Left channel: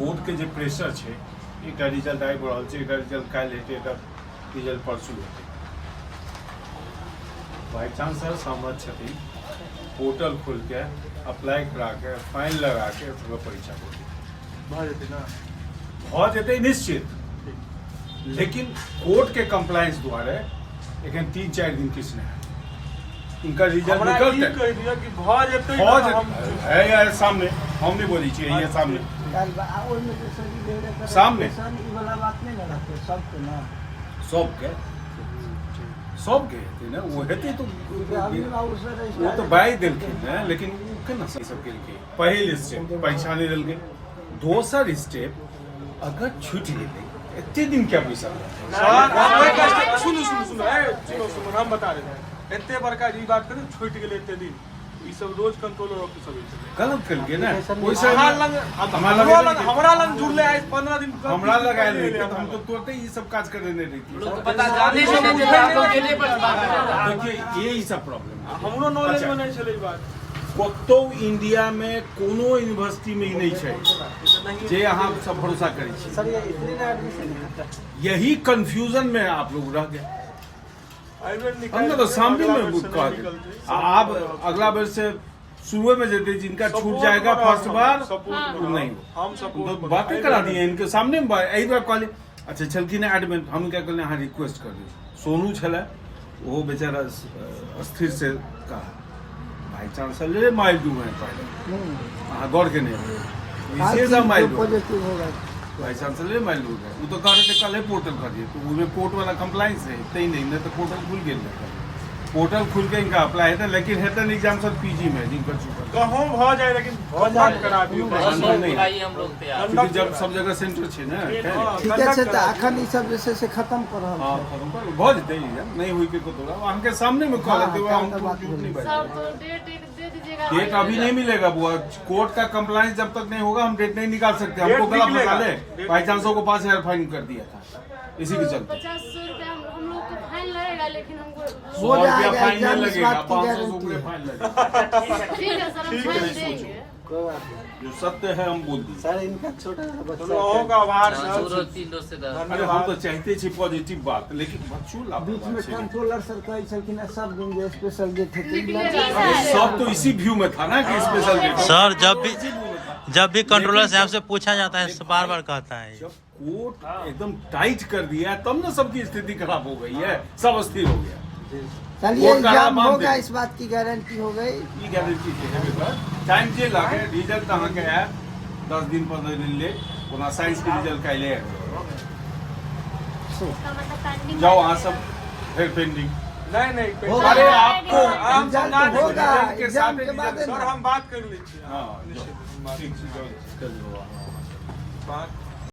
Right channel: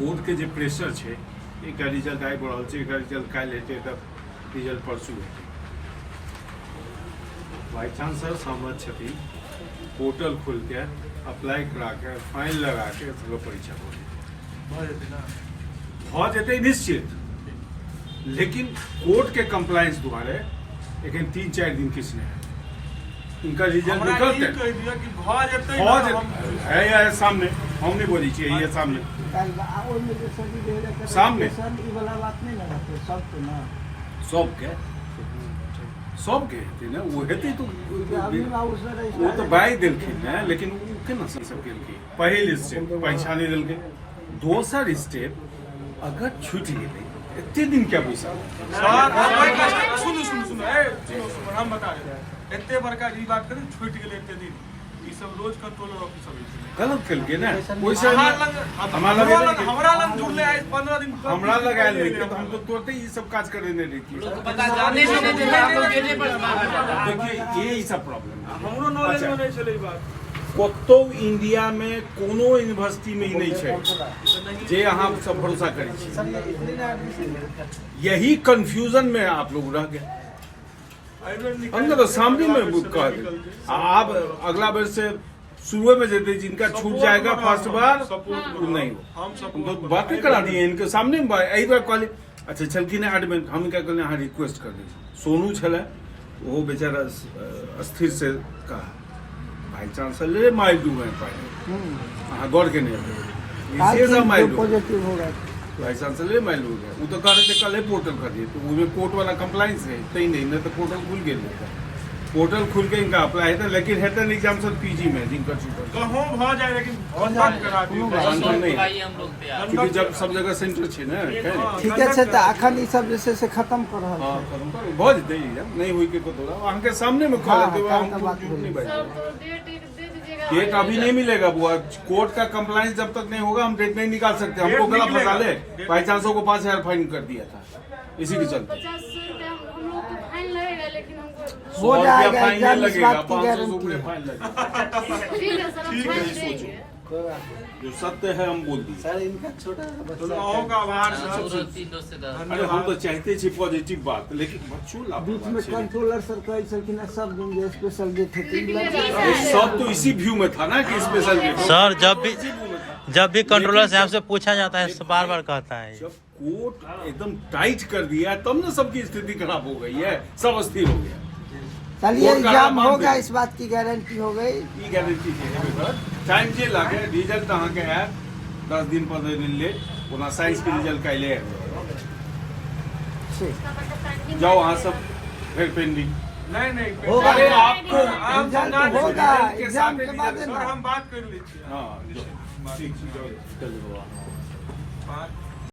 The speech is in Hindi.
कोर्ट के जो प्रेशर है, एक रिजल्ट आबि रहल छै, एक रिजल्ट काल्हि हेतै, एक रिजल्ट परसू हेतै। बाई चांसलर सहमत छथिन, पोर्टल खोल के अप्लाई करा के फाइन लगा के परीक्षा भ जेतै निश्चित, लेकिन कोर्ट के कंप्लायंस द्वारे एखन 3-4 दिन किछु नहीं इनका रिजल्ट निकलते है सामने, हम नहीं बोली चाहिए ये सामने सामने सबके हेतै ना, वो हेतै तो वो तो बाई देलखिन है, लेकिन केना सब केलकै। पहिल स्टेप परीक्षा नहीं देलकै, दोसर स्टेप अगर छूट गेलै एते दिन क्या बुझ सुनो हम बता रहे हैं एते बड़का ई बात करें छूट गेलै एते दिन, ई सब रोज कंट्रोलर ऑफिसर होय छै, गलत केलकै ना। ओइसे हमरा लग जुड़ले 15 दिन हमरा लगायल रही तो हम तो तुरंत ही सब काज करे नहीं रही। देखिए ये सब प्रॉब्लम हमरो नॉलेज में नहीं छलै ई बात। कतो इंडिया में कोनो यूनिवर्सिटी में ही नहीं है जे अहाँ सब भरोसा करी छी। यही कंफ्यूजन में आप लोग रह गए। हम तो सामने में कह दे, आप अगला बार से शुरू में जेते जिनका छूट जाएगा फर्स्ट बार नहीं हो, तो बातें करा दी इनके सामने में। यही बार कहली अच्छा छलखिन एडमिट, हम क्या कहले अहाँ रिक्वेस्ट कर दी। सोनू छलै वो बेचारा अस्थिर से कहा भाई चांसलर माइल डू है पहले अहाँ गौर के नहीं माइल भाई चांसलर माइल डू है। वो तो कह रहे थे कल पोर्टल कर दिए, तो उसमें कोर्ट वाला कंप्लायंस है तई नहीं तो पोर्टल खुल गया रहता। पोर्टल खुल के इनका अप्लाई है, लेकिन हेतन एग्जाम सब पीजी में जिनका कहो भ जाए, लेकिन करा क्योंकि जब सब जगह सेंटर छै ना। ठीक है से त अखन ई सब जैसे से खत्म कर रहल हां खत्म कर भ जेतै एग्जाम नहीं होई के तो अहाँ के सामने में कह देबै, हम नहीं बैठ डेट अभी नहीं मिलेगा बुआ। कोर्ट का कंप्लायंस जब तक नहीं होगा हम डेट नहीं निकाल सकते। हमको गला फंसा ले, बाई चांसों को 5000 फाइन कर दिया था इसी के चलते। 100 रुपया फाइन नहीं लगेगा, 500 रुपये फाइन लगेगा। जो सत्य है हम बोल दी। अरे हम तो चाहते थे पॉजिटिव बात, लेकिन बच्चों बीच में कंट्रोलर सर कहे छलखिन सब दिन जे स्पेशल डे थे, सब तो इसी व्यू में था ना कि स्पेशल डे। सर जब भी कंट्रोलर साहब से पूछा जाता है तो बार बार कहता है जब कोर्ट एकदम टाइट कर दिया तब ना सबकी स्थिति खराब हो गई है, सब अस्थिर हो गया। चलिए एग्जाम होगा, इस बात की गारंटी हो गई। की गारंटी है टाइम जे लागे रिजल्ट अहाँ के है 10 दिन 15 दिन ले ओना साइंस के रिजल्ट काल्हि है। जाओ अहाँ सब फिर पेंडिंग नहीं होगा। अरे आपको होगा एग्जाम के बाद हम बात कर ली। हां ठीक है, चलो बात